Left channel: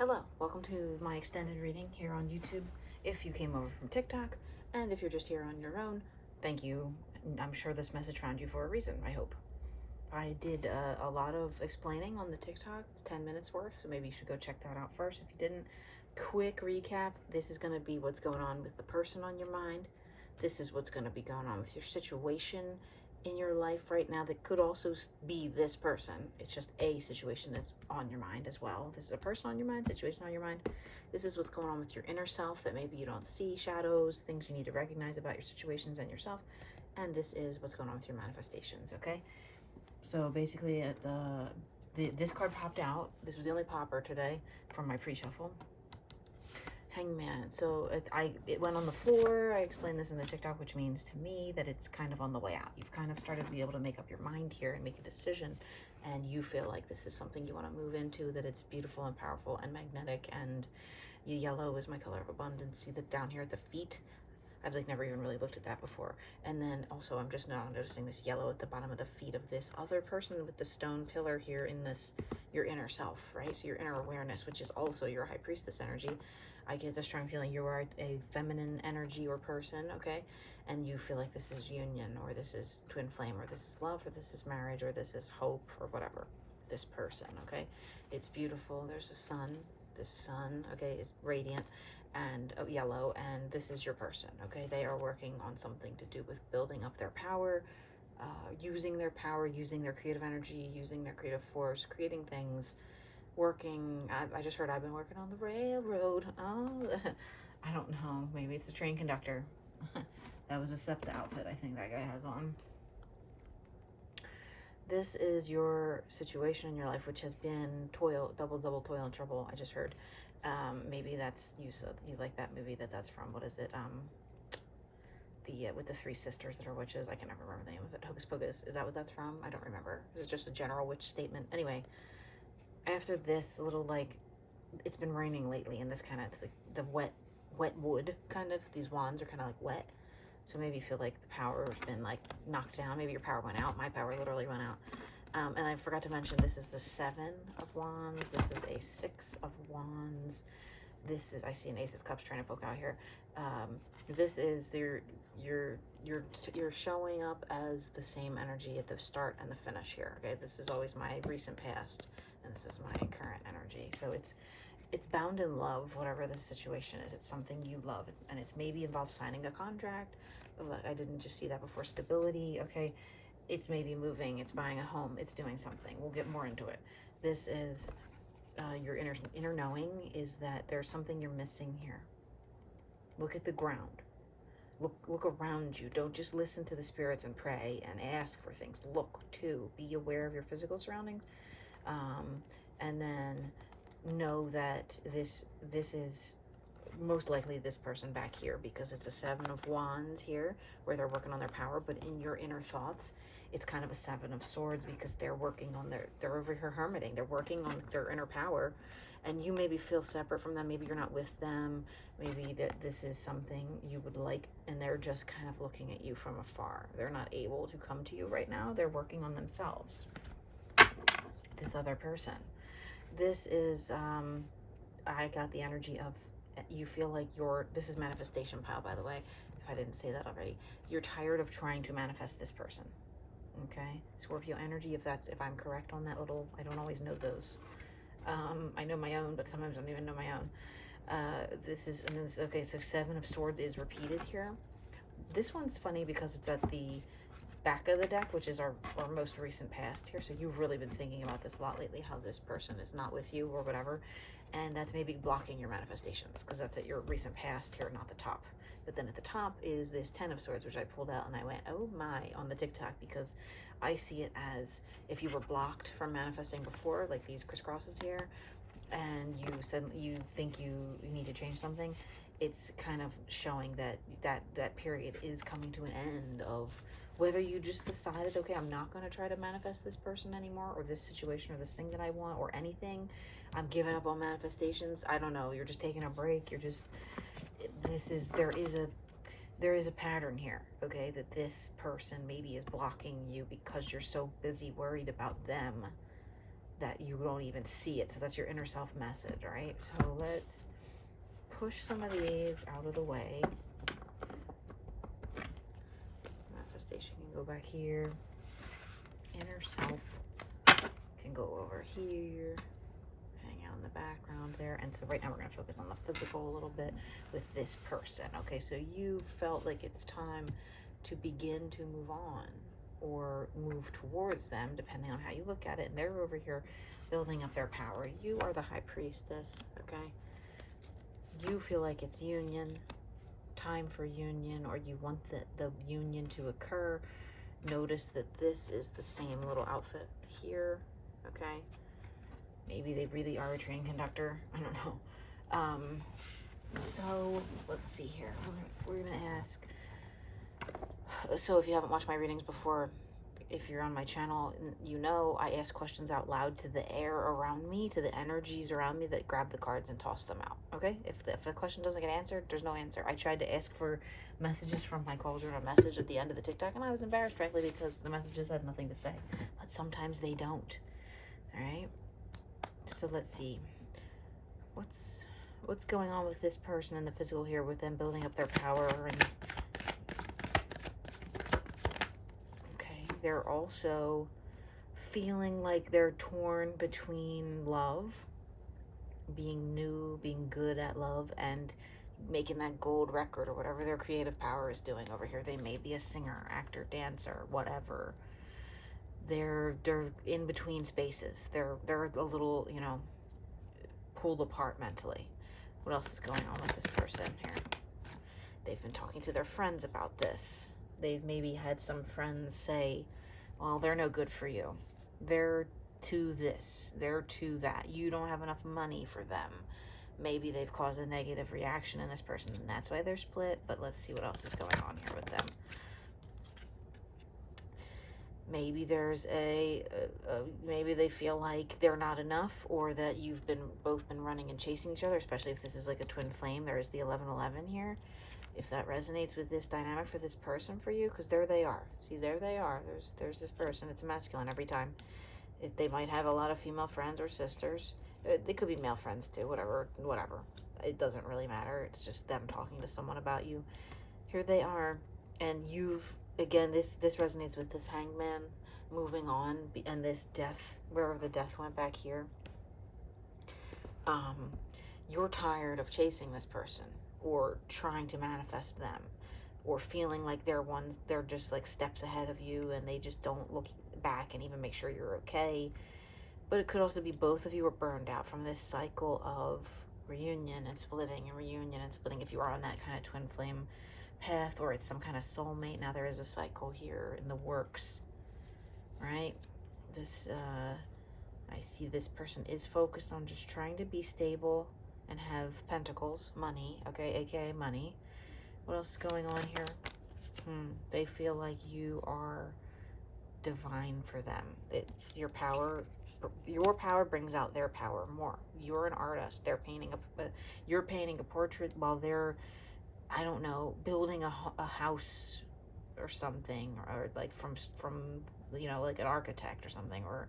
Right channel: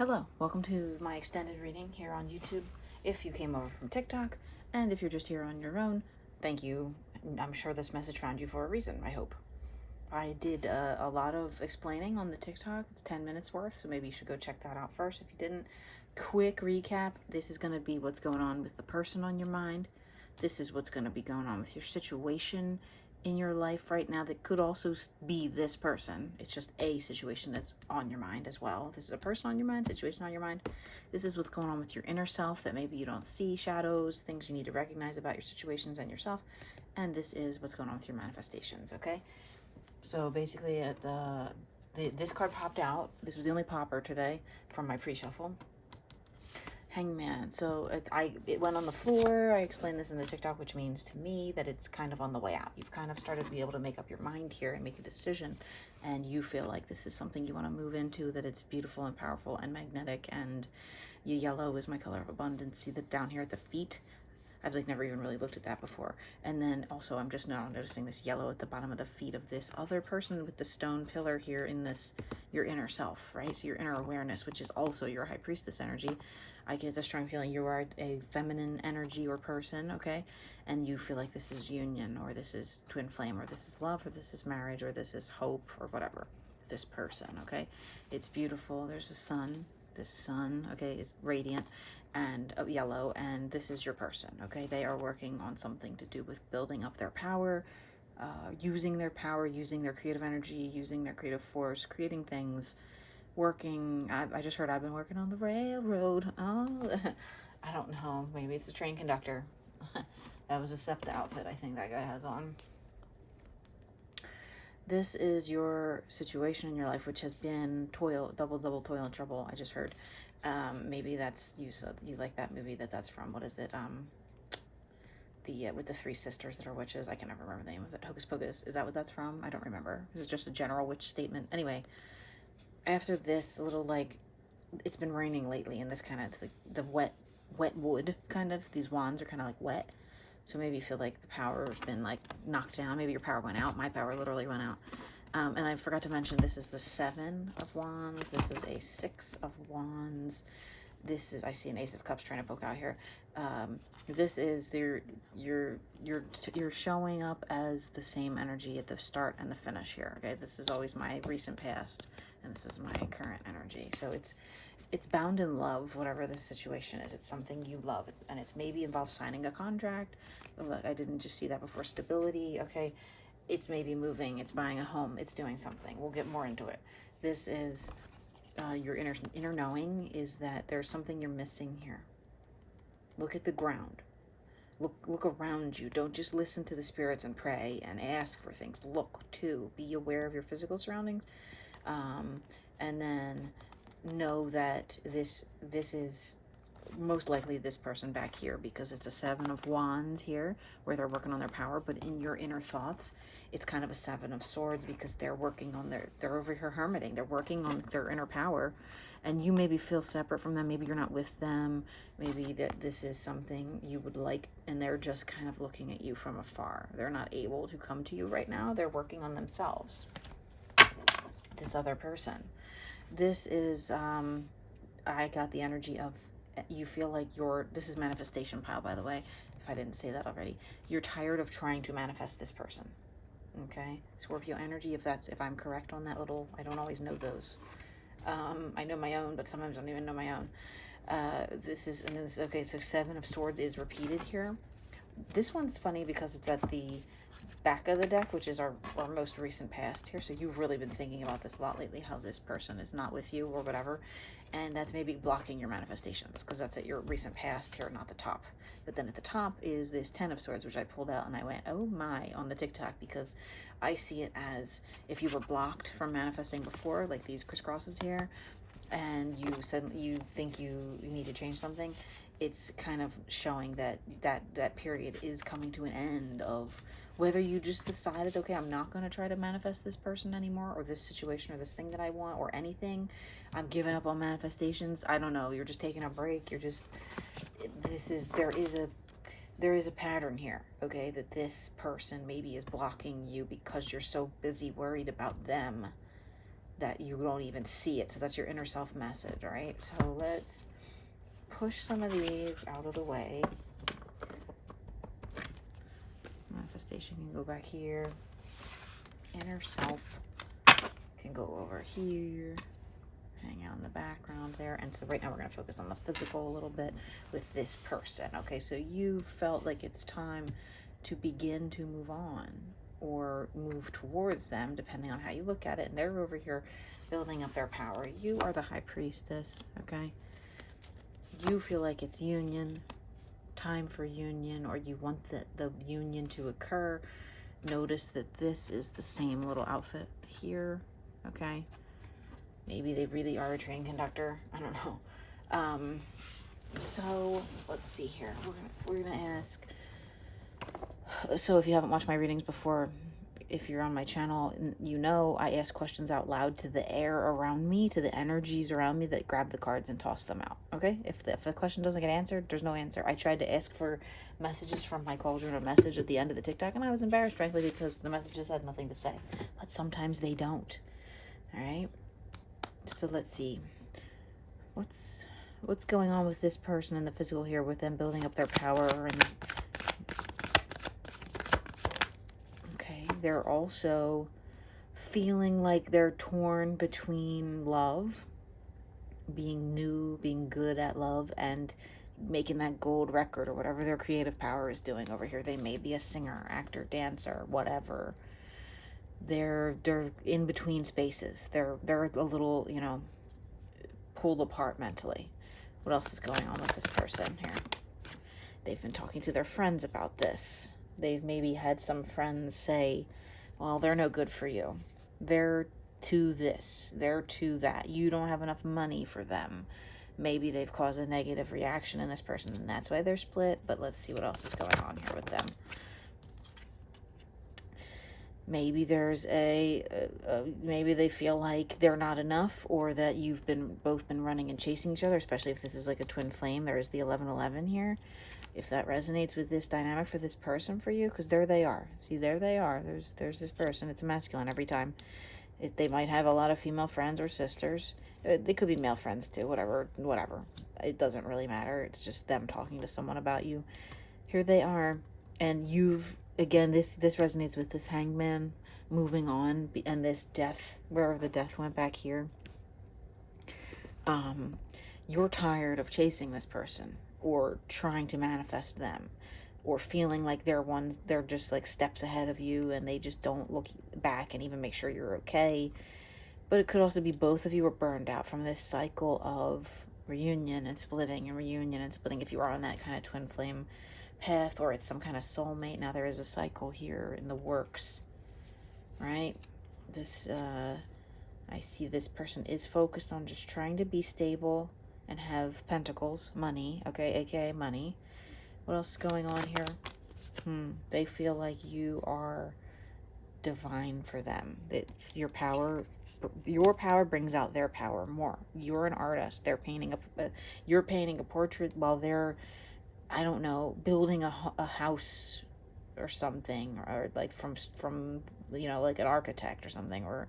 Hello, welcome to my extended reading here on YouTube. If you came over from TikTok, and if you're just here on your own, thank you. I'm sure this message found you for a reason, I hope. I did a lot of explaining on the TikTok. It's 10 minutes worth, so maybe you should go check that out first if you didn't. Quick recap, this is going to be what's going on with the person on your mind. This is what's going to be going on with your situation in your life right now that could also be this person. It's just a situation that's on your mind as well. This is a person on your mind, situation on your mind. This is what's going on with your inner self that maybe you don't see, shadows, things you need to recognize about your situations and yourself. And this is what's going on with your manifestations, okay? So basically, this card popped out. This was the only popper today from my pre-shuffle. Hangman. So it went on the floor. I explained this in the TikTok, which means to me that it's kind of on the way out. You've kind of started to be able to make up your mind here and make a decision, and you feel like this is something you want to move into, that it's beautiful and powerful and magnetic, and yellow is my color of abundance. See that down here at the feet? I've like never even really looked at that before. And then also I'm just now noticing this yellow at the bottom of the feet of this other person with the stone pillar here in this, your inner self, right? So your inner awareness, which is also your high priestess energy. I get this strong feeling you are a feminine energy or person, okay? And you feel like this is union, or this is twin flame, or this is love, or this is marriage, or this is hope, or whatever. This person, okay? It's beautiful. There's a sun. This sun, okay, is radiant and yellow, and this is your person, okay? They are working on something to do with building up their power, using their power, using their creative energy, using their creative force, creating things, working. I just heard I've been working on the railroad. Oh, I don't know. Maybe it's a train conductor. That was a SEPTA outfit I think that guy has on. This is your situation in your life, which has been toil, double toil and trouble. I just heard. Maybe that's you. So you like that movie that's from. What is it? With the three sisters that are witches. I can never remember the name of it. Hocus Pocus. Is that what that's from? I don't remember. It's just a general witch statement. Anyway, after this little, like, it's been raining lately, and this kind of, like the wet wood kind of. These wands are kind of like wet. So maybe you feel like the power has been like knocked down. Maybe your power went out. My power literally went out. And I forgot to mention, this is the 7 of Wands. This is a 6 of Wands. This is, I see an Ace of Cups trying to poke out here. This is you're showing up as the same energy at the start and the finish here. Okay, this is always my recent past, and this is my current energy. So it's bound in love, whatever the situation is. It's something you love, and it's maybe involves signing a contract. I didn't just see that before. Stability, okay. It's maybe moving, it's buying a home, it's doing something. We'll get more into it. This is your inner knowing is that there's something you're missing here. Look at the ground. Look around you. Don't just listen to the spirits and pray and ask for things. Look too. Be aware of your physical surroundings, and then know that this is most likely this person back here, because it's a 7 of Wands here where they're working on their power, but in your inner thoughts it's kind of a 7 of Swords, because they're working on they're over here hermiting, they're working on their inner power, and you maybe feel separate from them. Maybe you're not with them, maybe that this is something you would like, and they're just kind of looking at you from afar. They're not able to come to you right now. They're working on themselves, this other person. This is I got the energy of, you feel like this is manifestation pile, by the way, if I didn't say that already. You're tired of trying to manifest this person, okay? Scorpio energy, if I'm correct on that little, I don't always know those. I know my own, but sometimes I don't even know my own. Okay, so 7 of Swords is repeated here. This one's funny because it's at the back of the deck, which is our most recent past here. So you've really been thinking about this a lot lately, how this person is not with you or whatever, and that's maybe blocking your manifestations, because that's at your recent past here, not the top. But then at the top is this 10 of Swords, which I pulled out, and I went, oh my, on the TikTok, because I see it as if you were blocked from manifesting before, like these crisscrosses here, and you think you need to change something. It's kind of showing that period is coming to an end, of whether you just decided, okay, I'm not going to try to manifest this person anymore, or this situation, or this thing that I want, or anything. I'm giving up on manifestations. I don't know. You're just taking a break. You're just, there is a pattern here, okay, that this person maybe is blocking you because you're so busy worried about them that you don't even see it. So that's your inner self message, right? So let's push some of these out of the way. Manifestation can go back here. Inner self can go over here. Hang out in the background there. And so right now we're going to focus on the physical a little bit with this person. Okay, so you felt like it's time to begin to move on or move towards them, depending on how you look at it. And they're over here building up their power. You are the high priestess, okay? You feel like it's union, time for union, or you want the union to occur. Notice that this is the same little outfit here, okay? Maybe they really are a train conductor. I don't know. So let's see here. We're gonna ask. So if you haven't watched my readings before, if you're on my channel, you know I ask questions out loud to the air around me, to the energies around me that grab the cards and toss them out, okay? If a question doesn't get answered, there's no answer. I tried to ask for messages from my cauldron, a message at the end of the TikTok, and I was embarrassed, frankly, because the messages had nothing to say. But sometimes they don't, all right? So let's see. What's going on with this person in the physical here, with them building up their power? And they're also feeling like they're torn between love, being new, being good at love, and making that gold record or whatever their creative power is doing over here. They may be a singer, actor, dancer, whatever. They're in between spaces. They're a little, you know, pulled apart mentally. What else is going on with this person here? They've been talking to their friends about this. They've maybe had some friends say, well, they're no good for you. They're to this. They're to that. You don't have enough money for them. Maybe they've caused a negative reaction in this person, and that's why they're split. But let's see what else is going on here with them. Maybe there's maybe they feel like they're not enough, or that you've both been running and chasing each other, especially if this is like a twin flame. There is the 1111 here. If that resonates with this dynamic for this person for you, because there they are. See, there they are. There's this person. It's a masculine every time. They might have a lot of female friends or sisters. They could be male friends too, whatever. It doesn't really matter. It's just them talking to someone about you. Here they are. And again, this resonates with this hangman moving on, and this death, wherever the death went back here. You're tired of chasing this person, or trying to manifest them, or feeling like they're just like steps ahead of you, and they just don't look back and even make sure you're okay. But it could also be both of you are burned out from this cycle of reunion and splitting, and reunion and splitting, if you are on that kind of twin flame path, or it's some kind of soulmate. Now there is a cycle here in the works, right? This I see this person is focused on just trying to be stable and have pentacles, money, okay, aka money. What else is going on here? They feel like you are divine for them. That your power brings out their power more. You're an artist. They're painting you're painting a portrait while they're, I don't know, building a house or something, or like from you know, like an architect or something, or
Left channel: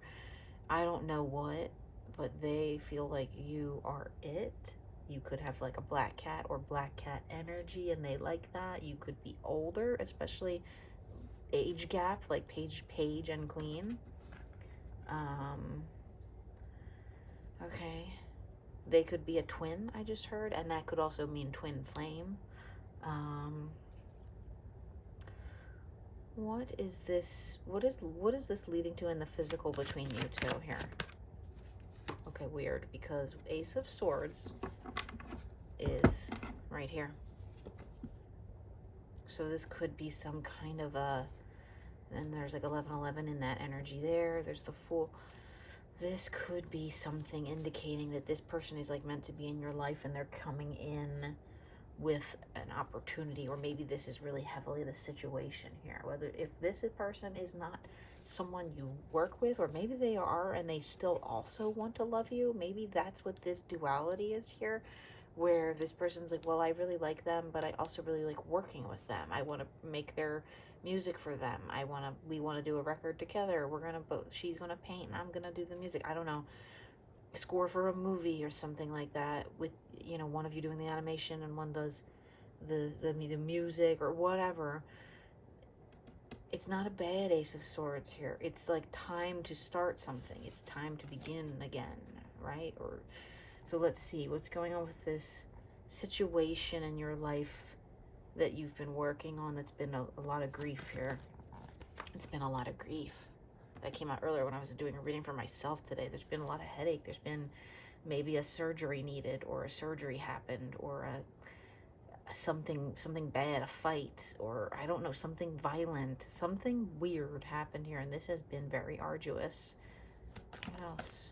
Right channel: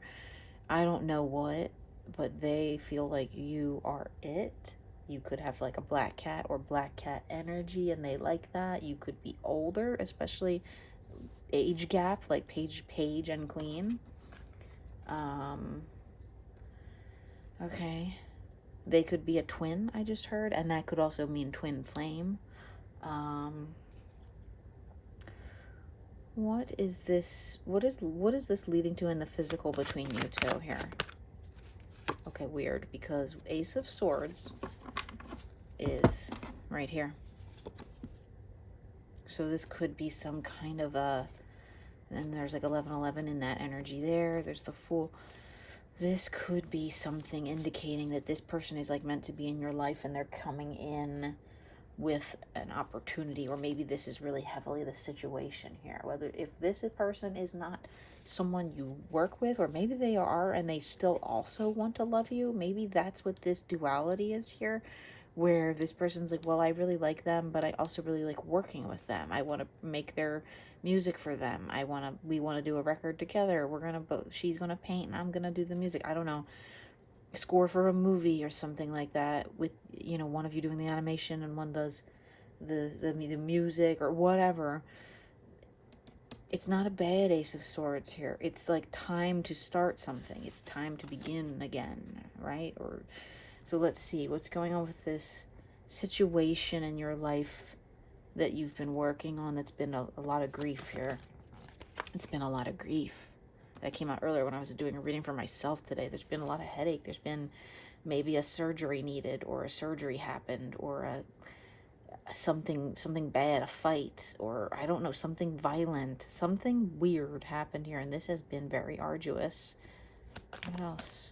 I don't know what, but they feel like you are it. You could have like a black cat or black cat energy, and they like that. You could be older, especially age gap, like page and queen. Okay. They could be a twin, I just heard, and that could also mean twin flame. What is this leading to in the physical between you two here? Okay, weird, because Ace of Swords is right here. So this could be some kind of and there's like 1111 in that energy there. There's the Fool. This could be something indicating that this person is like meant to be in your life, and they're coming in with an opportunity, or maybe this is really heavily the situation here. Whether if this person is not someone you work with, or maybe they are and they still also want to love you. Maybe that's what this duality is here, where this person's like, well, I really like them, but I also really like working with them. I want to make their music for them. We want to do a record together. She's gonna paint and I'm gonna do the music. I don't know. Score for a movie or something like that, with, you know, one of you doing the animation and one does the music or whatever. It's not a bad Ace of Swords here. It's like time to start something. It's time to begin again, right? Or so let's see what's going on with this situation in your life that you've been working on. That's been a lot of grief here. It's been a lot of grief. That came out earlier when I was doing a reading for myself today. There's been a lot of headache. There's been maybe a surgery needed, or a surgery happened, or something bad, a fight, or I don't know, something violent, something weird happened here, and this has been very arduous. What else?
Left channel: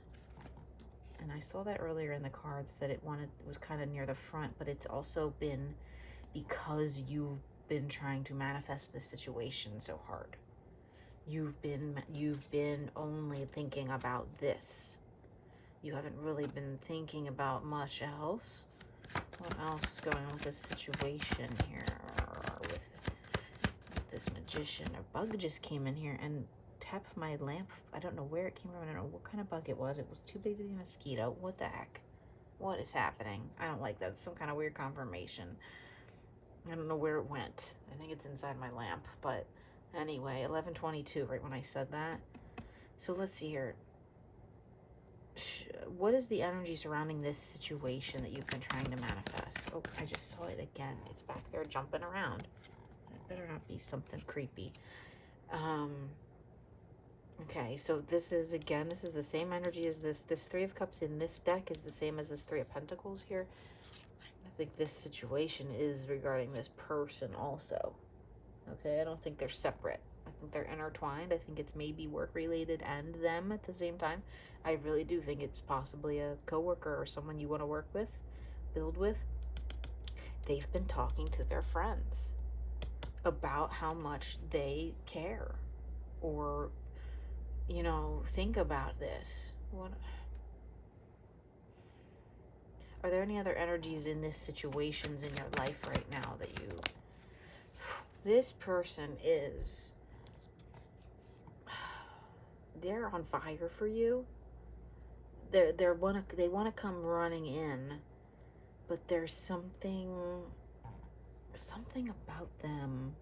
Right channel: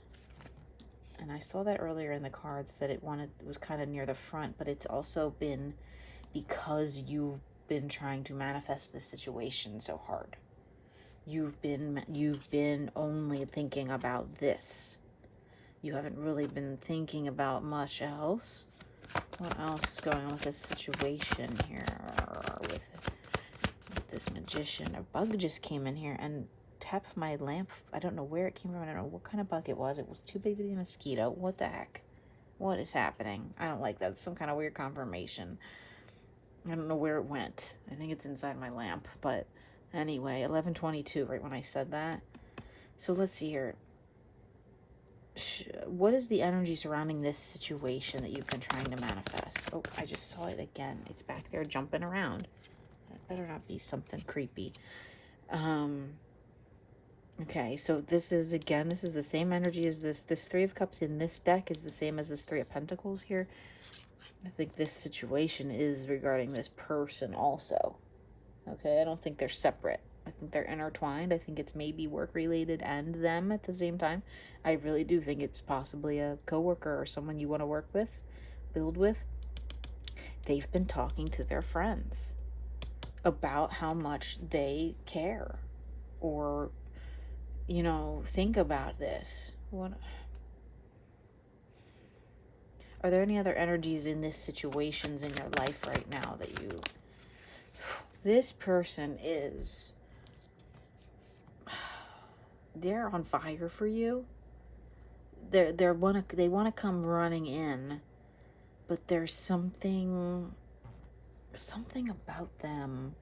And I saw that earlier in the cards that it was kind of near the front, but it's also been because you've been trying to manifest this situation so hard. You've been only thinking about this. You haven't really been thinking about much else. What else is going on with this situation here? With this magician. A bug just came in here and tapped my lamp. I don't know where it came from. I don't know what kind of bug it was. It was too big to be a mosquito. What the heck? What is happening? I don't like that. It's some kind of weird confirmation. I don't know where it went. I think it's inside my lamp. But anyway, 11:22, right when I said that. So let's see here. What is the energy surrounding this situation that you've been trying to manifest? Oh, I just saw it again. It's back there jumping around. It better not be something creepy. Okay, so this is the same energy as this. This Three of Cups in this deck is the same as this Three of Pentacles here. I think this situation is regarding this person also. Okay, I don't think they're separate. I think they're intertwined. I think it's maybe work-related and them at the same time. I really do think it's possibly a coworker or someone you want to work with, build with. They've been talking to their friends about how much they care, or, you know, think about this. What are there any other energies in this situations in your life right now that you... This person is... They're on fire for you. They want to come running in, but there's something about them.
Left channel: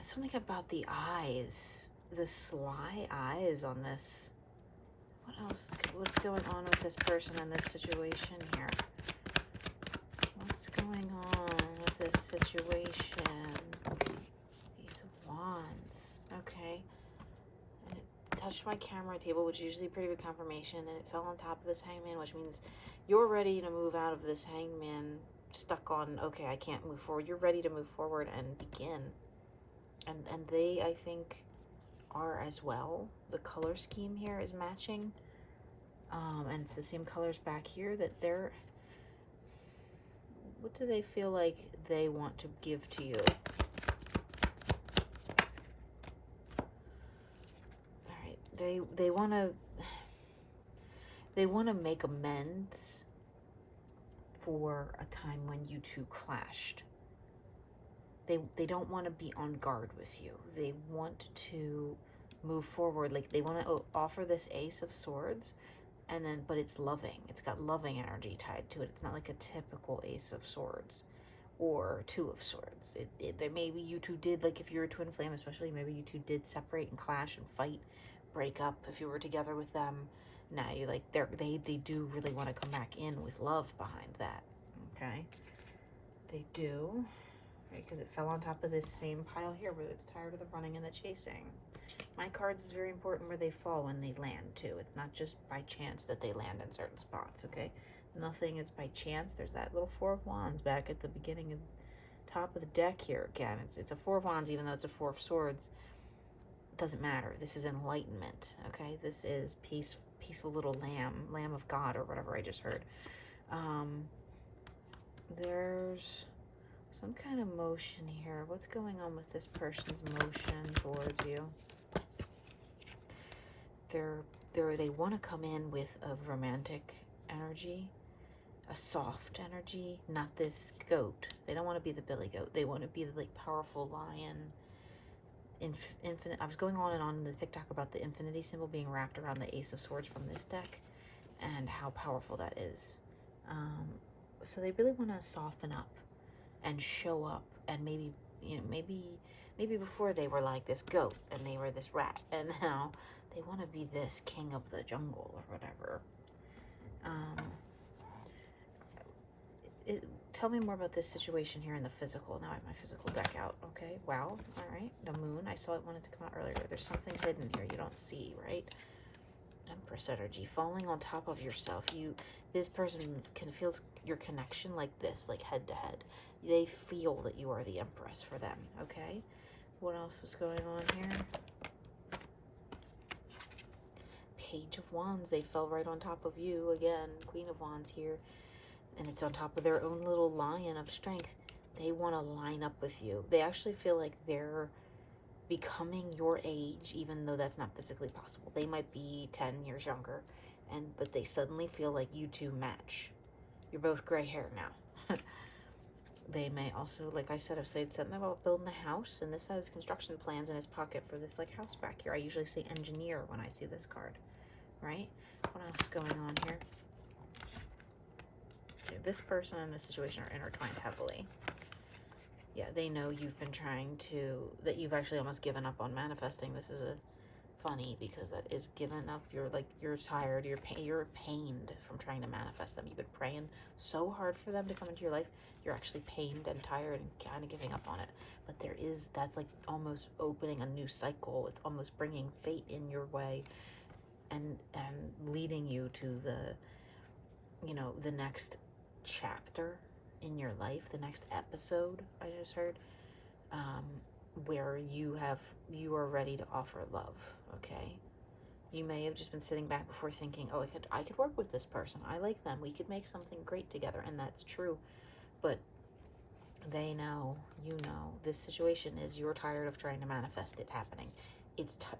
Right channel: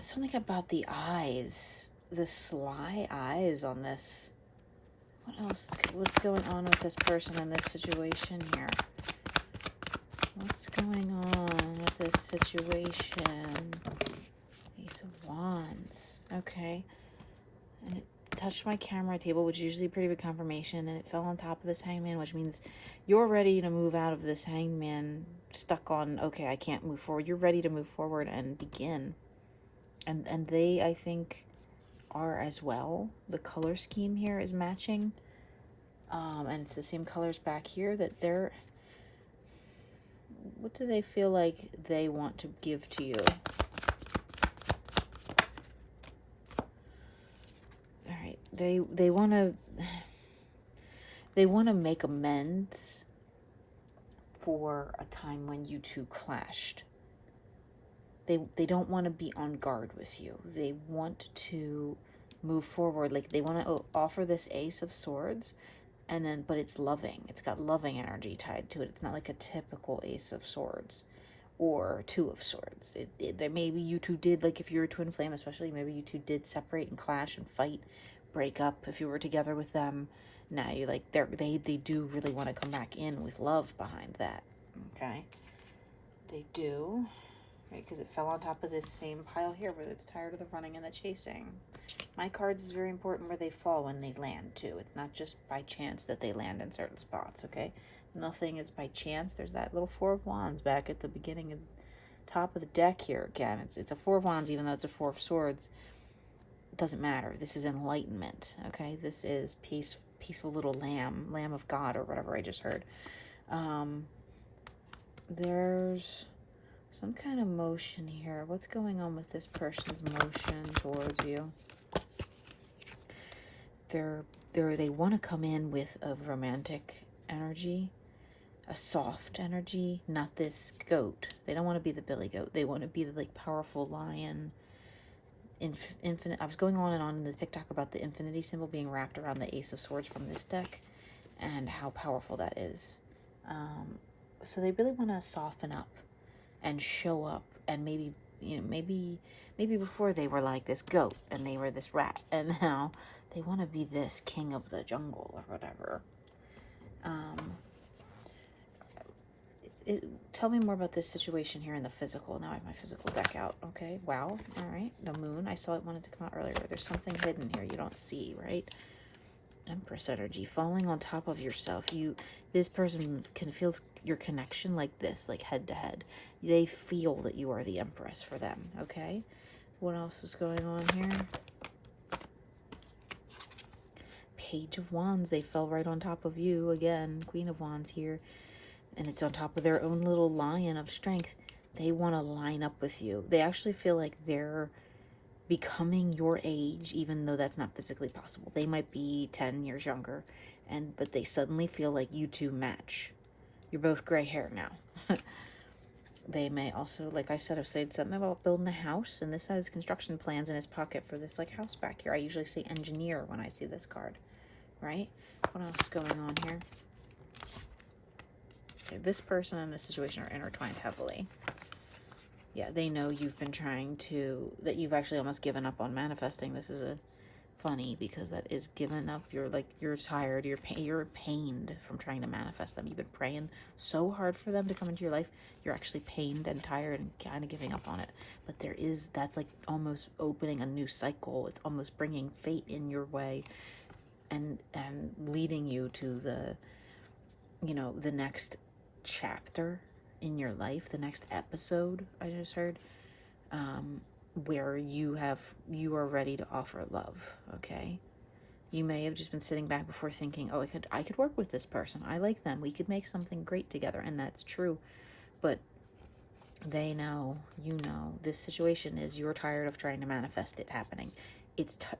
Something about the eyes, the sly eyes on this. What else? What's going on with this person in this situation here? What's going on with this situation? Ace of Wands. Okay. And it touched my camera table, which is usually pretty big confirmation, and it fell on top of this hangman, which means you're ready to move out of this hangman stuck on, okay, I can't move forward. You're ready to move forward and begin. And they, I think, are as well. The color scheme here is matching. And it's the same colors back here that they're... What do they feel like they want to give to you? All right, they want to make amends for a time when you two clashed. They don't want to be on guard with you. They want to move forward. Like, they want to offer this Ace of Swords, and then, but it's loving. It's got loving energy tied to it. It's not like a typical Ace of Swords or Two of Swords. There maybe you two did, like if you're a twin flame especially, maybe you two did separate and clash and fight, break up if you were together with them. Now you like, they do really want to come back in with love behind that. Okay, they do. Right, because it fell on top of this same pile here where it's tired of the running and the chasing. My cards is very important where they fall when they land too. It's not just by chance that they land in certain spots, okay? Nothing is by chance. There's that little Four of Wands back at the beginning of top of the deck here again. It's a Four of Wands even though it's a Four of Swords. It doesn't matter. This is enlightenment, okay? This is peaceful little lamb of God or whatever I just heard. There's some kind of motion here. What's going on with this person's motion towards you? They want to come in with a romantic energy. a soft energy, not this goat. They don't want to be the billy goat. They want to be the like powerful lion. Infinite. I was going on and on in the TikTok about the infinity symbol being wrapped around the Ace of Swords from this deck, and how powerful that is. So they really want to soften up and show up, and maybe, you know, maybe before they were like this goat and they were this rat, and now they want to be this king of the jungle or whatever. Tell me more about this situation here in the physical. Now I have my physical deck out. Okay, wow. All right, the moon. I saw it wanted to come out earlier. There's something hidden here you don't see, right? Empress energy, falling on top of yourself. This person can feel your connection like this, like head to head. They feel that you are the Empress for them, okay? What else is going on here? Page of Wands, they fell right on top of you again. Queen of Wands here. And it's on top of their own little lion of strength. They want to line up with you. They actually feel like they're becoming your age, even though that's not physically possible. They might be 10 years younger, but they suddenly feel like you two match. You're both gray hair now. They may also, like I said, have said something about building a house, and this has construction plans in his pocket for this like house back here. I usually say engineer when I see this card, right? What else is going on here? Okay, this person and this situation are intertwined heavily. Yeah, they know you've been trying to, that you've actually almost given up on manifesting. This is funny because that is given up. You're tired, you're pained from trying to manifest them. You've been praying so hard for them to come into your life. You're actually pained and tired and kind of giving up on it. But that's like almost opening a new cycle. It's almost bringing fate in your way and leading you to the next chapter in your life, the next episode I just heard, where you are ready to offer love. Okay, you may have just been sitting back before thinking, oh, I could work with this person, I like them, we could make something great together, and that's true. But they know, this situation is, you're tired of trying to manifest it happening.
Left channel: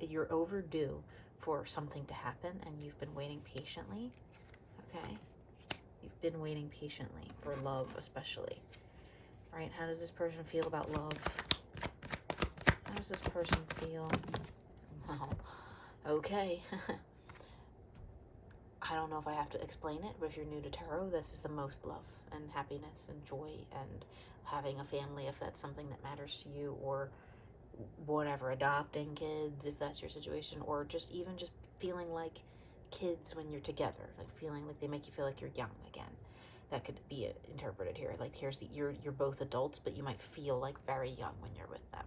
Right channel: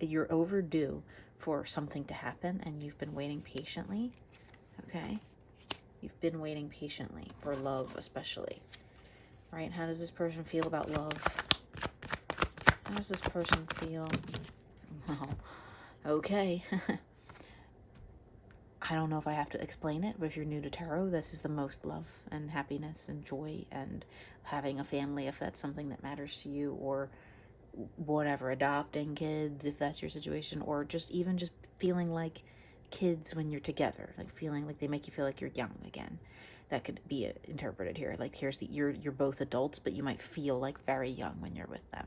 You're overdue for something to happen, and you've been waiting patiently. Okay, you've been waiting patiently for love, especially. Right? How does this person feel about love? How does this person feel? Oh, okay. I don't know if I have to explain it, but if you're new to tarot, this is the most love and happiness and joy and having a family, if that's something that matters to you, or whatever, adopting kids, if that's your situation, or just feeling like kids when you're together, like feeling like they make you feel like you're young again. That could be interpreted here. Like you're both adults, but you might feel like very young when you're with them.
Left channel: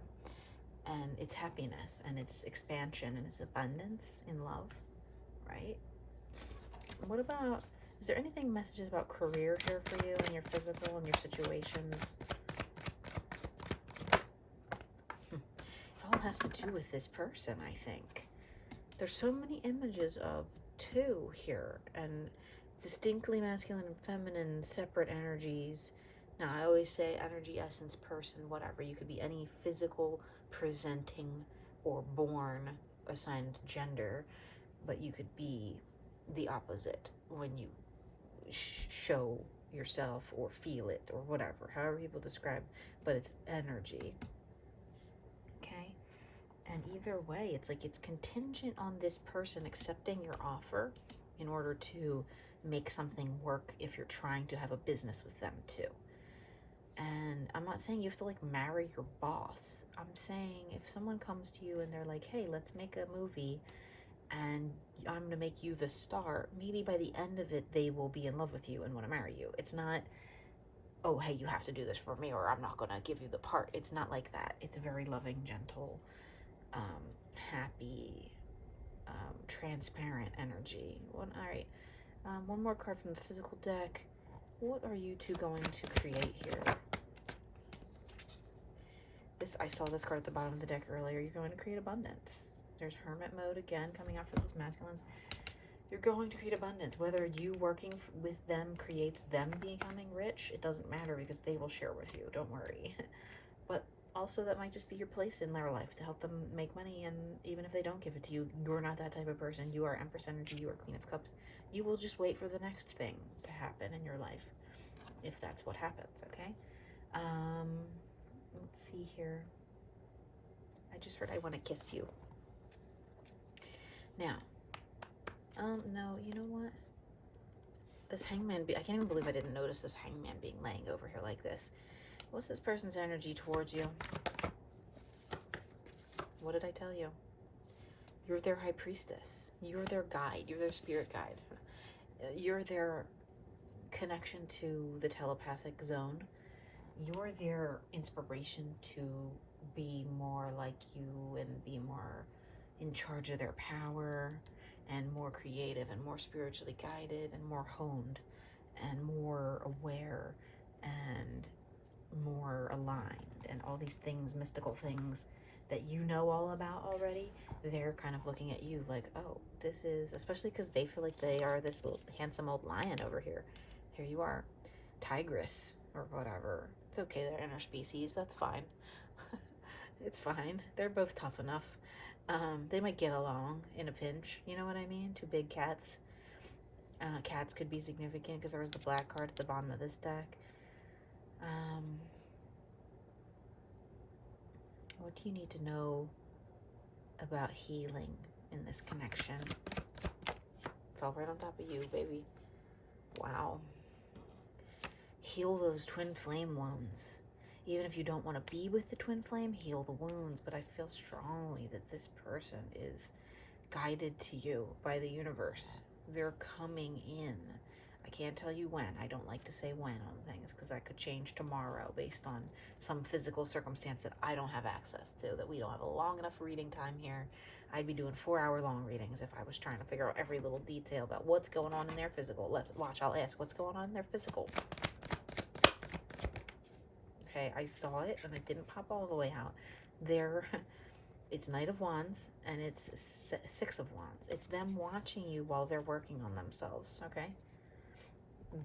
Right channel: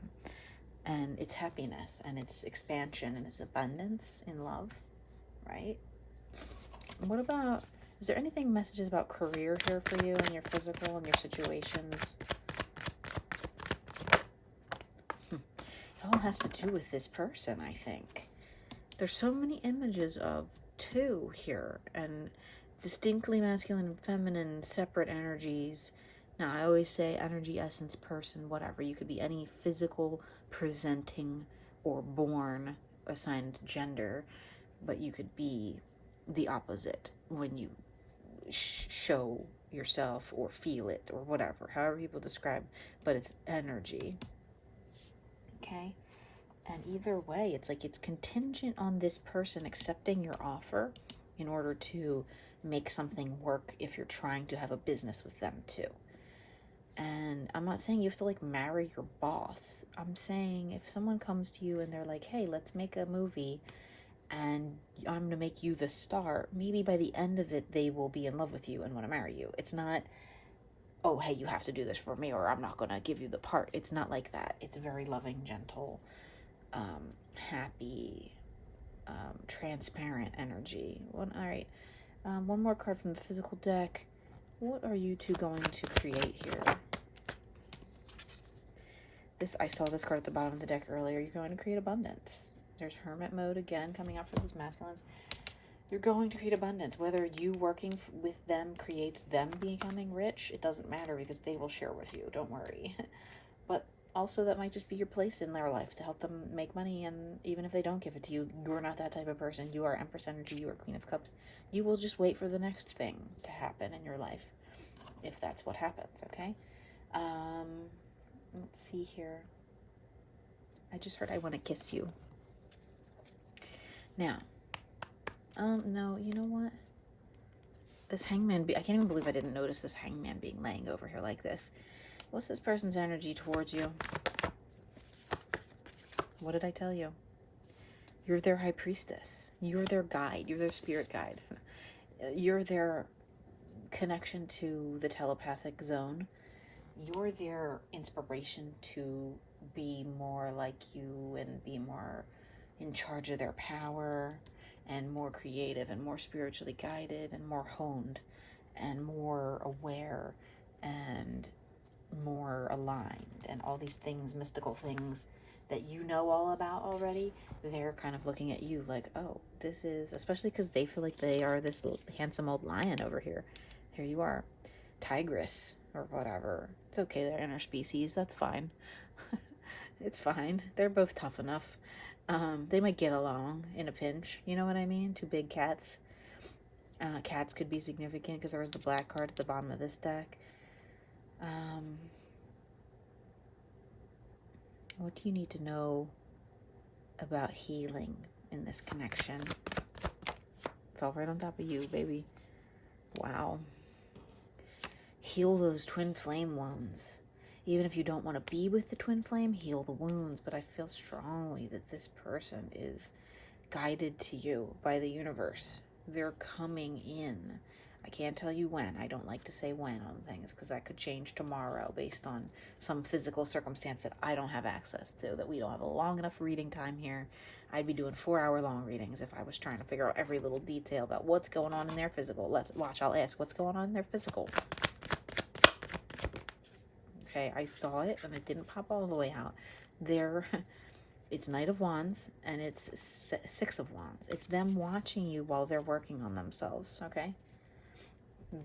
And it's happiness and it's expansion and it's abundance in love, right? What about, is there anything, messages about career here for you and your physical and your situations? It all has to do with this person, I think. There's so many images of two here, and distinctly masculine and feminine, separate energies. Now, I always say energy, essence, person, whatever. You could be any physical, presenting, or born assigned gender, but you could be the opposite when you show yourself or feel it or whatever, however people describe, but it's energy. Okay? And either way, it's like it's contingent on this person accepting your offer in order to make something work if you're trying to have a business with them too. And I'm not saying you have to like marry your boss. I'm saying if someone comes to you and they're like, hey, let's make a movie and I'm going to make you the star, maybe by the end of it, they will be in love with you and want to marry you. It's not, oh, hey, you have to do this for me or I'm not going to give you the part. It's not like that. It's very loving, gentle, happy, transparent energy. All right. One more card from the physical deck. What are you two going to create here? I saw this card at the bottom of the deck earlier. You're going to create abundance. There's hermit mode again coming up for these masculines. You're going to create abundance. Whether you working with them creates them becoming rich, it doesn't matter because they will share with you. Don't worry. But also that might just be your place in their life to help them make money, and even if they don't give it to you, you're not that type of person. You are Empress energy, you are Queen of Cups. You will just wait for the next thing to happen in your life. if that's what happens, okay? Let's see here. I just heard I want to kiss you. Now, no, you know what? This hangman, I can't even believe I didn't notice this hangman being laying over here like this. What's this person's energy towards you? What did I tell you? You're their high priestess. You're their guide. You're their spirit guide. You're their connection to the telepathic zone. You're their inspiration to be more like you and be more in charge of their power and more creative and more spiritually guided and more honed and more aware and more aligned and all these things, mystical things that you know all about already. They're kind of looking at you like, oh, this is, especially because they feel like they are this little handsome old lion over here. Here you are, tigress or whatever. It's okay, they're interspecies, that's fine. It's fine, they're both tough enough. They might get along in a pinch, you know what I mean? Two big cats. Cats could be significant because there was the black card at the bottom of this deck. What do you need to know about healing in this connection? Fell right on top of you, baby. Wow. Heal those twin flame wounds. Even if you don't want to be with the twin flame, heal the wounds. But I feel strongly that this person is guided to you by the universe. They're coming in. I can't tell you when. I don't like to say when on things because that could change tomorrow based on some physical circumstance that I don't have access to, that we don't have a long enough reading time here. I'd be doing 4-hour long readings if I was trying to figure out every little detail about what's going on in their physical. Let's watch. I'll ask what's going on in their physical. Okay, I saw it and it didn't pop all the way out. It's Knight of Wands and it's Six of Wands. It's them watching you while they're working on themselves, okay?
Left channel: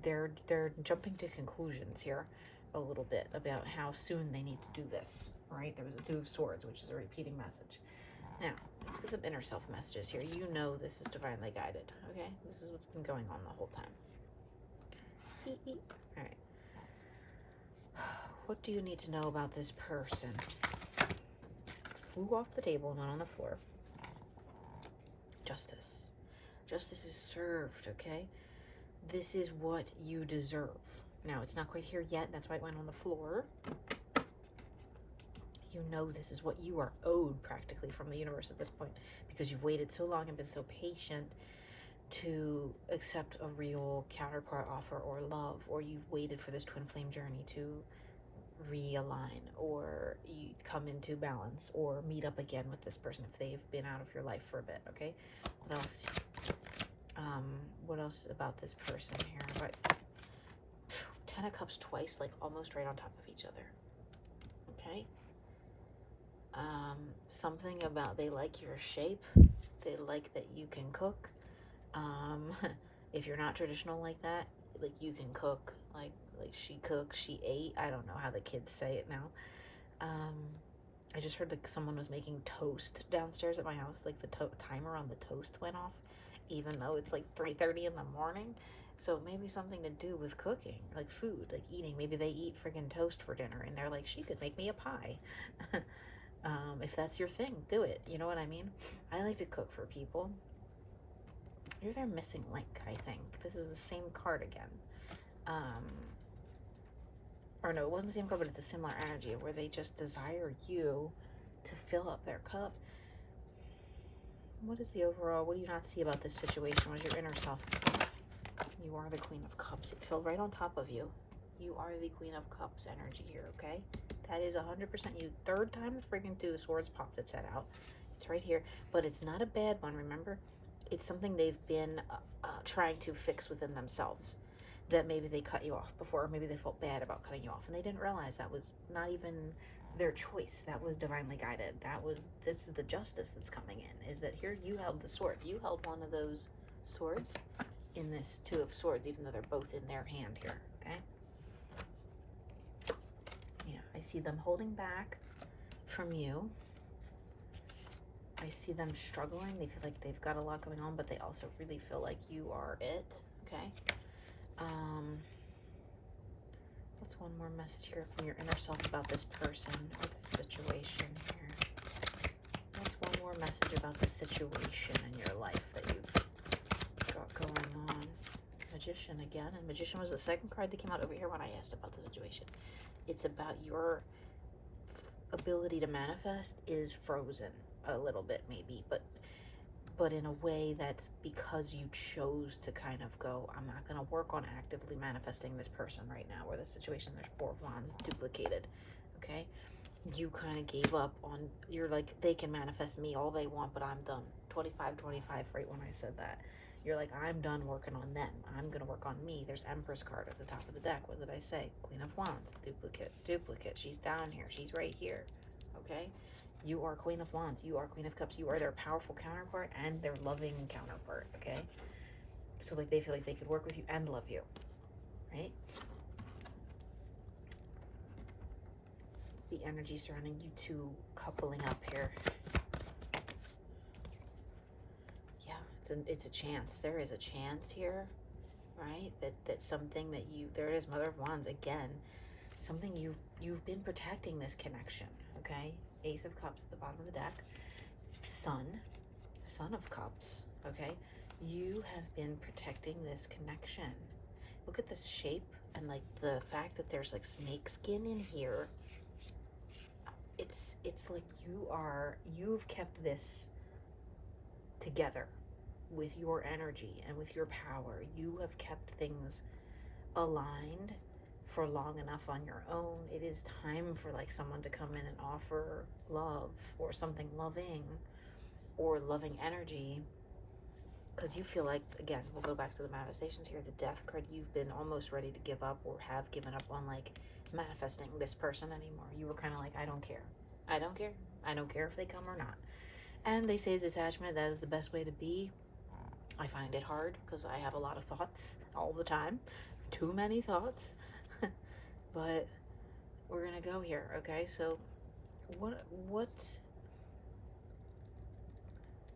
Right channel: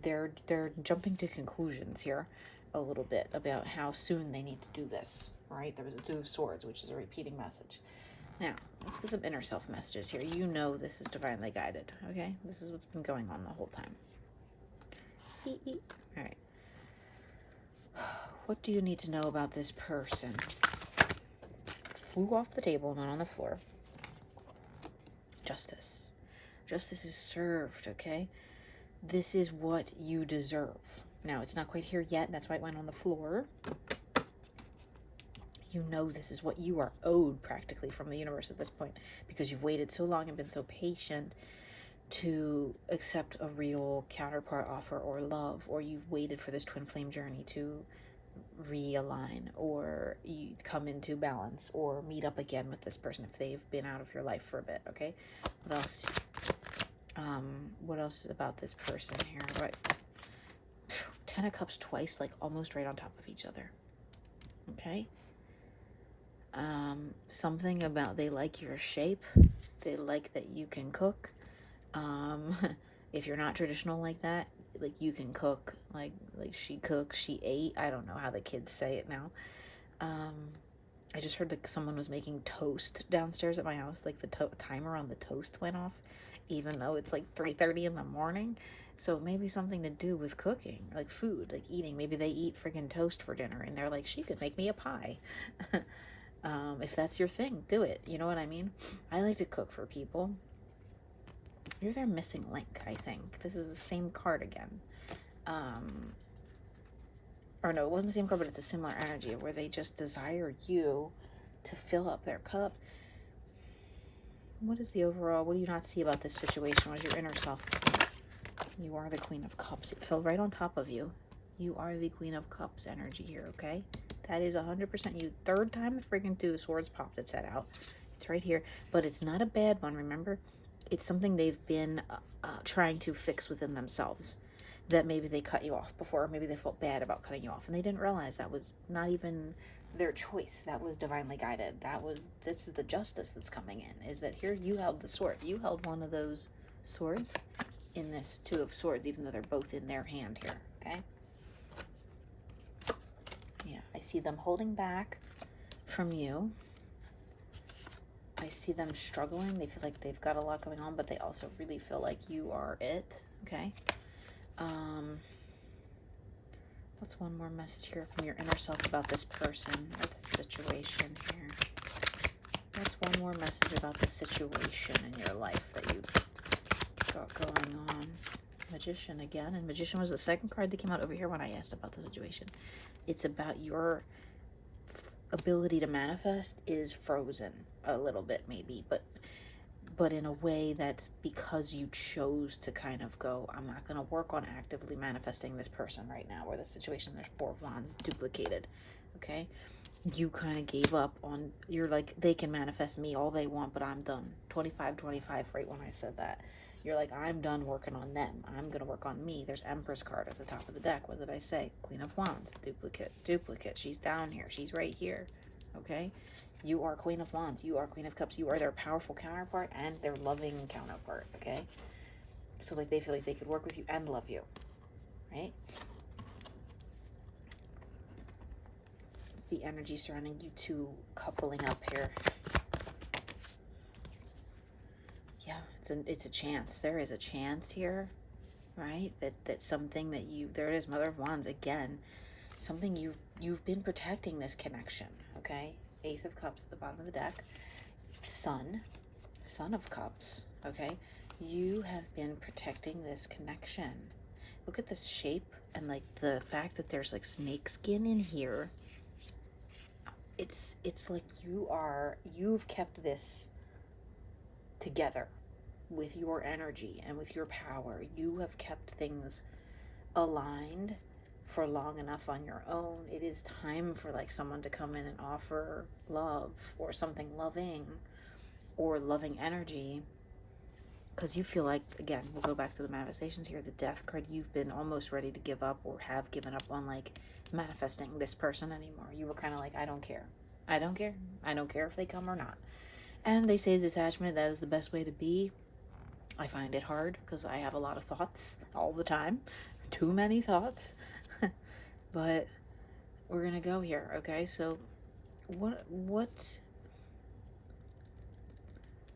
They're jumping to conclusions here a little bit about how soon they need to do this, right? There was a Two of Swords, which is a repeating message. Now, let's get some inner self messages here. You know this is divinely guided, okay? This is what's been going on the whole time. All right. What do you need to know about this person? Flew off the table and went on the floor. Justice. Justice is served, okay? This is what you deserve. Now, it's not quite here yet, and that's why it went on the floor. You know this is what you are owed practically from the universe at this point because you've waited so long and been so patient to accept a real counterpart offer or love, or you've waited for this twin flame journey to realign or you come into balance or meet up again with this person if they've been out of your life for a bit, okay? What else? What else about this person here? What? 10 of Cups twice, like almost right on top of each other, okay? Something about they like your shape. They like that you can cook. If you're not traditional like that, like you can cook, like she cooked, she ate. I don't know how the kids say it now. I just heard that someone was making toast downstairs at my house. Like the timer on the toast went off, even though it's like 3:30 in the morning. So maybe something to do with cooking, like food, like eating. Maybe they eat friggin' toast for dinner and they're like, she could make me a pie. If that's your thing, do it. You know what I mean? I like to cook for people. You're their missing link, I think. This is the same card again. Or no, it wasn't the same card, but it's a similar energy where they just desire you to fill up their cup. What is the overall, what do you not see about this situation? What is your inner self? You are the Queen of Cups. It fell right on top of you. You are the Queen of Cups energy here, okay? That is 100% you. Third time the freaking Two of Swords popped its head out. It's right here, but it's not a bad one, remember? It's something they've been trying to fix within themselves. That maybe they cut you off before, or maybe they felt bad about cutting you off, and they didn't realize that was not even their choice. That was divinely guided. This is the justice that's coming in, is that here you held the sword. You held one of those swords in this Two of Swords, even though they're both in their hand here, okay? Yeah, I see them holding back from you. I see them struggling. They feel like they've got a lot going on, but they also really feel like you are it, okay? What's one more message here from your inner self about this person or this situation here? What's one more message about this situation in your life that you've got going on? Magician again. And Magician was the second card that came out over here when I asked about the situation. It's about your ability to manifest is frozen a little bit maybe, but in a way that's because you chose to kind of go, I'm not going to work on actively manifesting this person right now, or the situation. There's 4 of Wands duplicated, okay? You kind of gave up on, you're like, they can manifest me all they want, but I'm done. 25, right when I said that. You're like, I'm done working on them. I'm going to work on me. There's Empress card at the top of the deck. What did I say? Queen of Wands, duplicate. She's down here. She's right here, okay? You are Queen of Wands. You are Queen of Cups. You are their powerful counterpart and their loving counterpart, okay? So, like, they feel like they could work with you and love you, right? It's the energy surrounding you two coupling up here. Yeah, it's a chance. There is a chance here, right? That something that you, there it is, Mother of Wands again. Something you've been protecting this connection, okay? Ace of Cups at the bottom of the deck. Sun of Cups, okay? You have been protecting this connection. Look at this shape and like the fact that there's like snake skin in here. It's like you've kept this together with your energy and with your power. You have kept things aligned for long enough on your own. It is time for like someone to come in and offer love or something loving or loving energy, because you feel like, again, we'll go back to the manifestations here, the Death card. You've been almost ready to give up or have given up on like manifesting this person anymore. You were kind of like, I don't care if they come or not. And they say detachment, that is the best way to be. I find it hard because I have a lot of thoughts all the time, too many thoughts. But we're gonna go here, okay? So what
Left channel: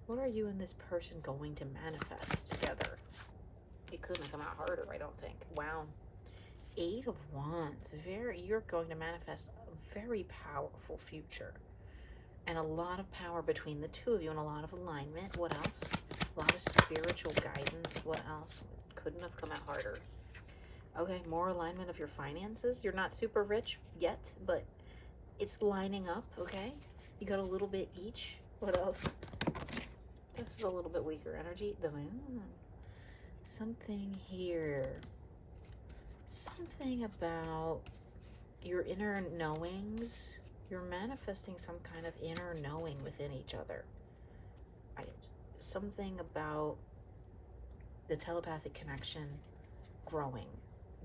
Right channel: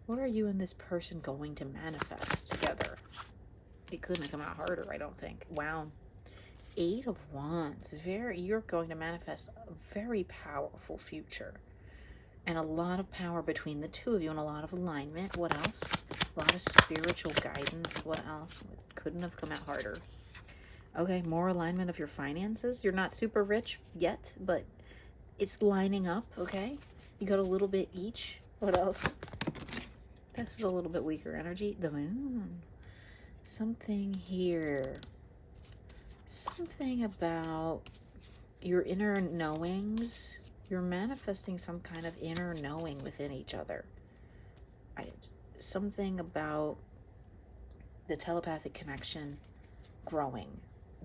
are you and this person going to manifest together? It couldn't have come out harder, I don't think. Wow. 8 of Wands. You're going to manifest a very powerful future. And a lot of power between the two of you and a lot of alignment. What else? A lot of spiritual guidance. What else? Couldn't have come out harder. Okay, more alignment of your finances. You're not super rich yet, but it's lining up, okay? You got a little bit each. What else? This is a little bit weaker energy. The Moon. Something here. Something about your inner knowings. You're manifesting some kind of inner knowing within each other. Something about the telepathic connection growing.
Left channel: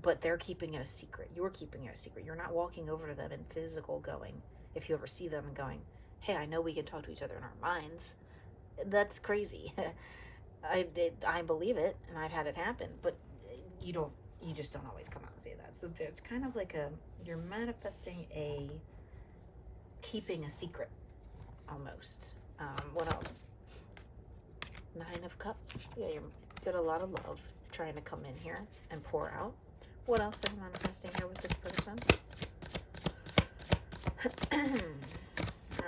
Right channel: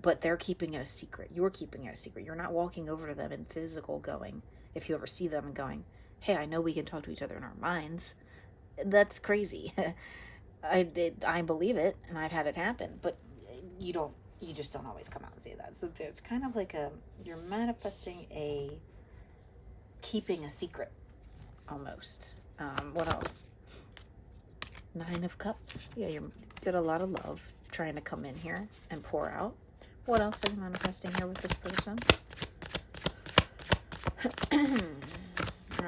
But they're keeping it a secret. You're keeping it a secret. You're not walking over to them in physical going, if you ever see them and going, hey, I know we can talk to each other in our minds. That's crazy. I believe it, and I've had it happen, but you just don't always come out and say that. So it's kind of like you're manifesting keeping a secret, almost. What else? 9 of Cups. Yeah, you got a lot of love trying to come in here and pour out. What else are you manifesting here with this person?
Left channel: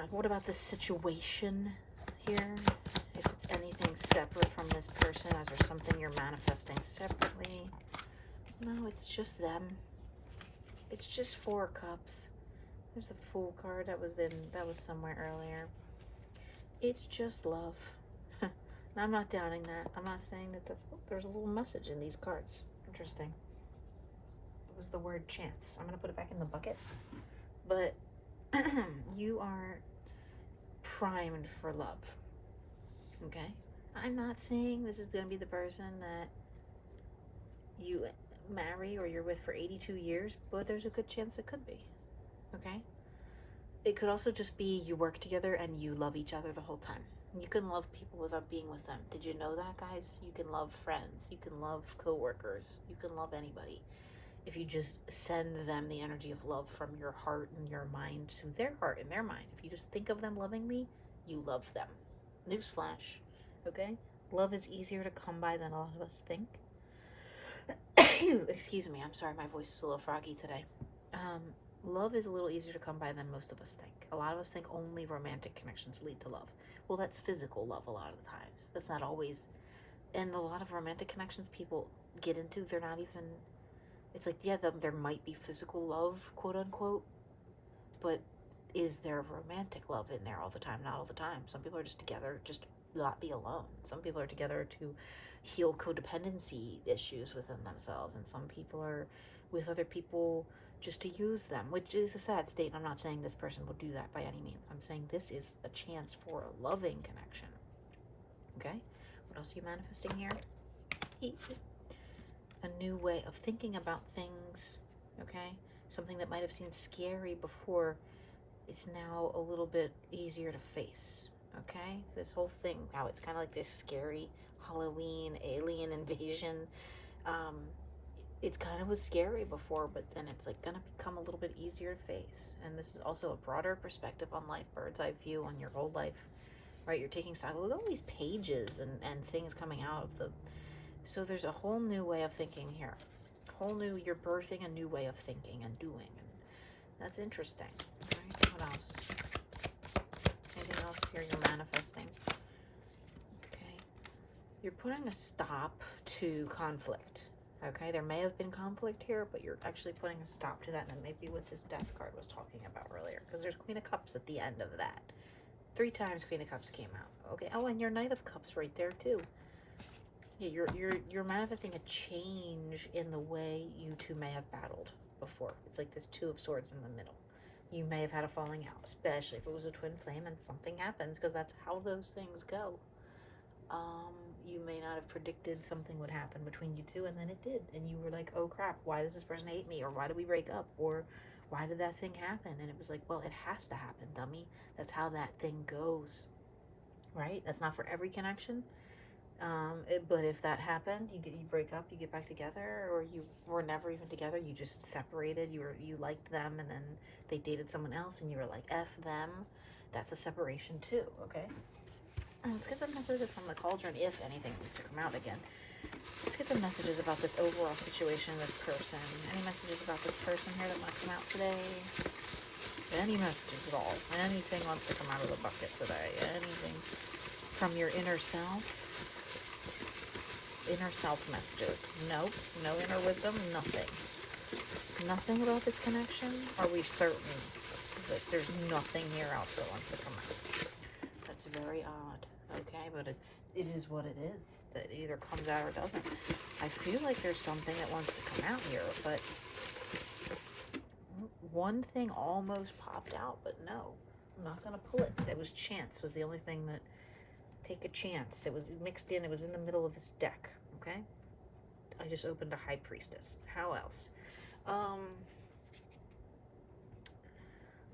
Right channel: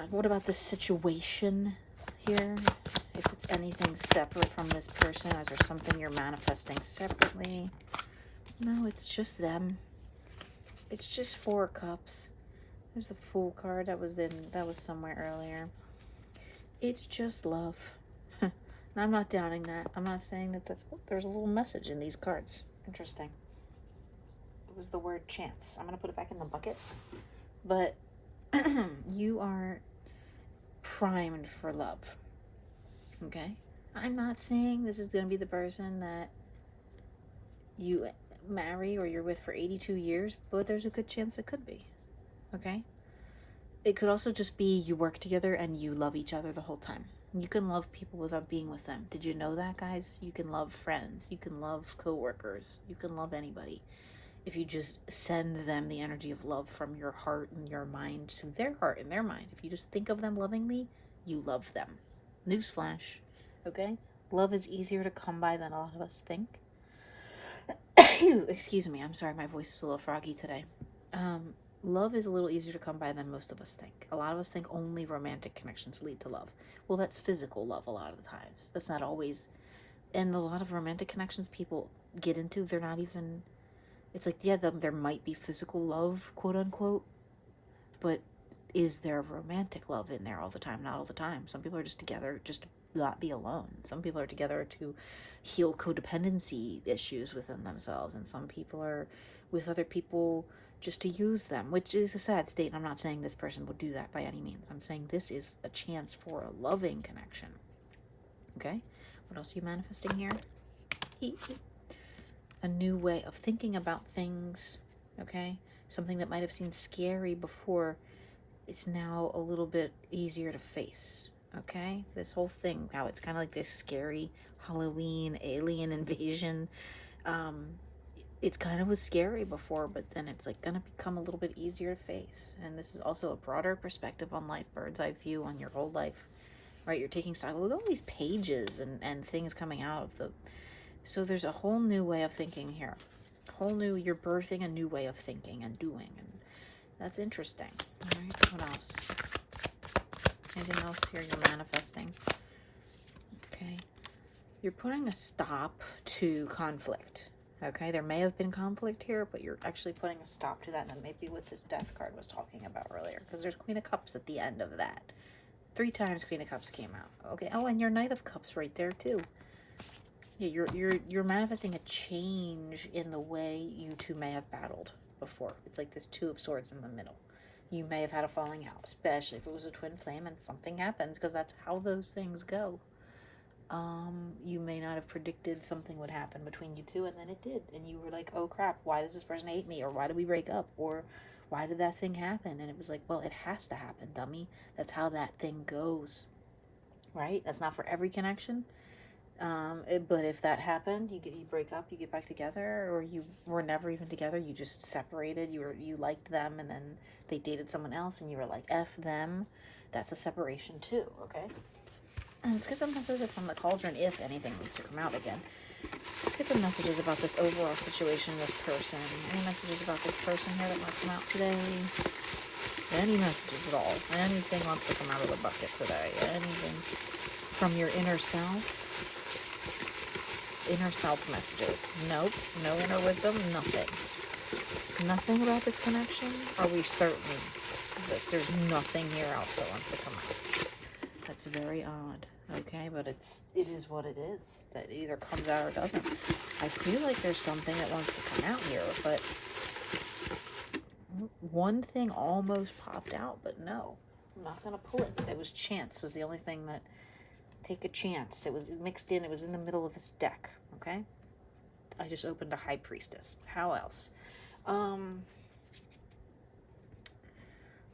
What about the situation here? If it's anything separate from this person, is there something you're manifesting separately? No, it's just them. It's just 4 Cups. There's the Fool card that was somewhere earlier. It's just love. I'm not doubting that. I'm not saying that there's a little message in these cards. Interesting. It was the word chance. I'm going to put it back in the bucket. But you are primed for love. Okay? I'm not saying this is going to be the person that you marry or you're with for 82 years, but there's a good chance it could be. Okay? It could also just be you work together and you love each other the whole time. You can love people without being with them. Did you know that, guys? You can love friends. You can love coworkers. You can love anybody. If you just send them the energy of love from your heart and your mind to their heart and their mind. If you just think of them lovingly, you love them. Newsflash, okay? Love is easier to come by than a lot of us think. Excuse me, I'm sorry, my voice is a little froggy today. Um, Love is a little easier to come by than most of us think. A lot of us think only romantic connections lead to love. Well, that's physical love a lot of the times. That's not always. And a lot of romantic connections people get into, they're not even. It's like, yeah, there might be physical love, quote unquote, but is there romantic love in there all the time? Not all the time. Some people are just together just to not be alone. Some people are together to heal codependency issues within themselves, and some people are with other people just to use them, which is a sad state. And I'm not saying this person will do that by any means. I'm saying this is a chance for a loving connection. Okay? What else are you manifesting here? A new way of thinking about things. Okay? Something that might have seemed scary before, it's now a little bit easier to face. Okay? This whole thing, how it's kind of like this scary Halloween alien invasion. It's kind of was scary before, but then it's like gonna become a little bit easier to face. And this is also a broader perspective on life, bird's eye view on your whole life, right? You're taking stock. Look at all these pages and things coming out of the. So there's a whole new way of thinking here. You're birthing a new way of thinking and doing, and that's interesting. All right, what else? Anything else here you're manifesting? Okay, you're putting a stop to conflict. Okay, there may have been conflict here, but you're actually putting a stop to that, and that may be what this Death card was talking about earlier, because there's Queen of Cups at the end of that. 3 times Queen of Cups came out. Okay, oh, and your Knight of Cups right there too. Yeah, you're manifesting a change in the way you two may have battled before. It's like this 2 of Swords in the middle. You may have had a falling out, especially if it was a twin flame and something happens, because that's how those things go. You may not have predicted something would happen between you two, and then it did, and you were like, oh crap, why does this person hate me, or why did we break up, or why did that thing happen? And it was like, well, it has to happen, dummy. That's how that thing goes, right? That's not for every connection, but if that happened, you break up, you get back together, or you were never even together, you just separated, you liked them, and then they dated someone else, and you were like, F them. That's a separation too, okay? And let's get some messages from the cauldron, if anything needs to come out again. Let's get some messages about this overall situation, this person. Any messages about this person here that want to come out today? Any messages at all? Anything wants to come out of the bucket today? Anything from your inner self? Inner self messages. Nope. No inner wisdom. Nothing. Nothing about this connection? Are we certain that there's nothing here else that wants to come out? That's very odd. Okay, but it is what it is. That either comes out or doesn't. I feel like there's something that wants to come out here, but one thing almost popped out, but no. I'm not going to pull it. It was chance was the only thing that... Take a chance. It was mixed in. It was in the middle of this deck, okay? I just opened a High Priestess. How else?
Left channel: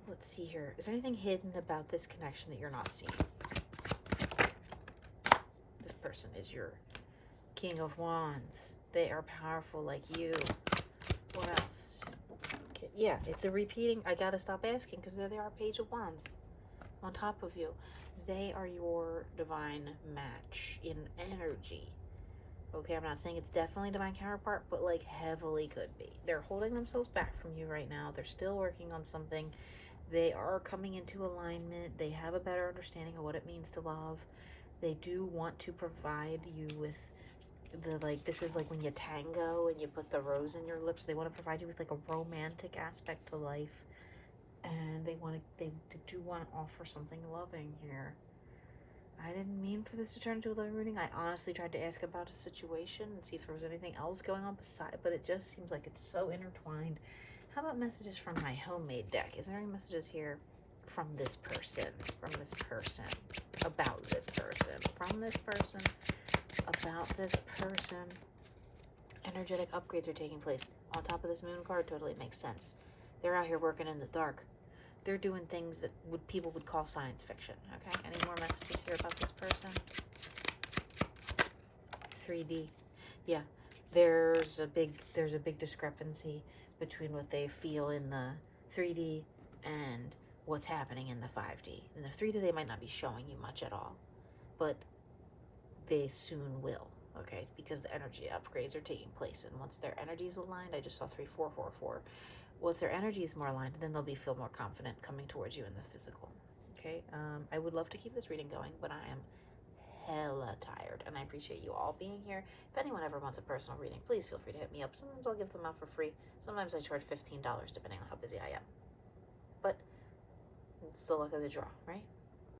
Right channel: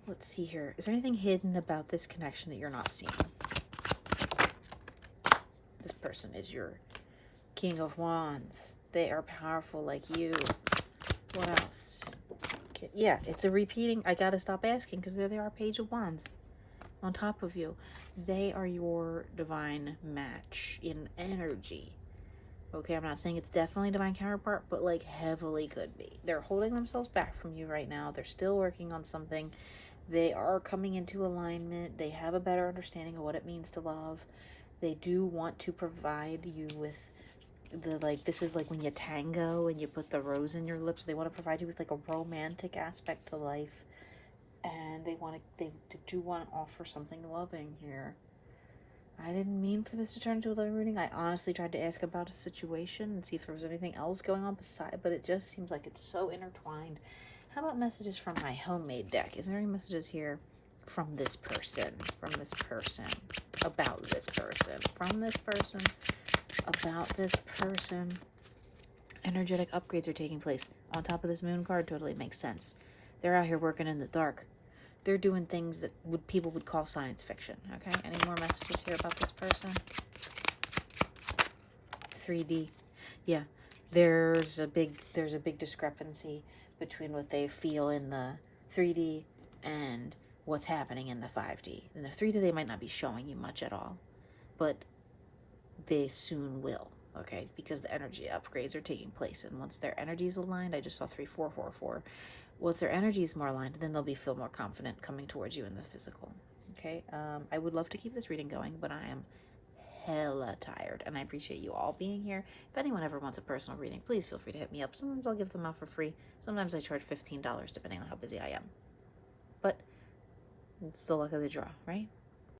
Let's see here. Is there anything hidden about this connection that you're not seeing? This person is your King of Wands. They are powerful like you. What else? Yeah, it's a repeating. I gotta stop asking because there they are, Page of Wands on top of you. They are your divine match in energy. Okay, I'm not saying it's definitely divine counterpart, but like heavily could be. They're holding themselves back from you right now. They're still working on something. They are coming into alignment. They have a better understanding of what it means to love. They do want to provide you with the, like, this is like when you tango and you put the rose in your lips. They want to provide you with like a romantic aspect to life. And they do want to offer something loving here. I didn't mean for this to turn into a loving reading. I honestly tried to ask about a situation and see if there was anything else going on beside, but it just seems like it's so intertwined. How about messages from my homemade deck? Is there any messages here from this person, about this person, from this person, about this person? Energetic upgrades are taking place. On top of this moon card, totally makes sense. They're out here working in the dark. They're doing things that people would call science fiction, okay? Any more messages here about this person? 3D. Yeah, there's a big discrepancy between what they feel in the 3D and what's happening in the 5D. In the 3D, they might not be showing you much at all, but they soon will. okay? Because the energy upgrades are taking place, and once their energy is aligned, I just saw 3444. Once their energy is more aligned, then they'll feel more confident coming towards you in the physical. Okay, I would love to keep this reading going, but I am hella tired, and I appreciate you all being here. If anyone ever wants a personal reading, please feel free to hit me up. Sometimes I'll give them out for free. Sometimes I charge $15, depending on how busy I am. But it's the luck of the draw, right?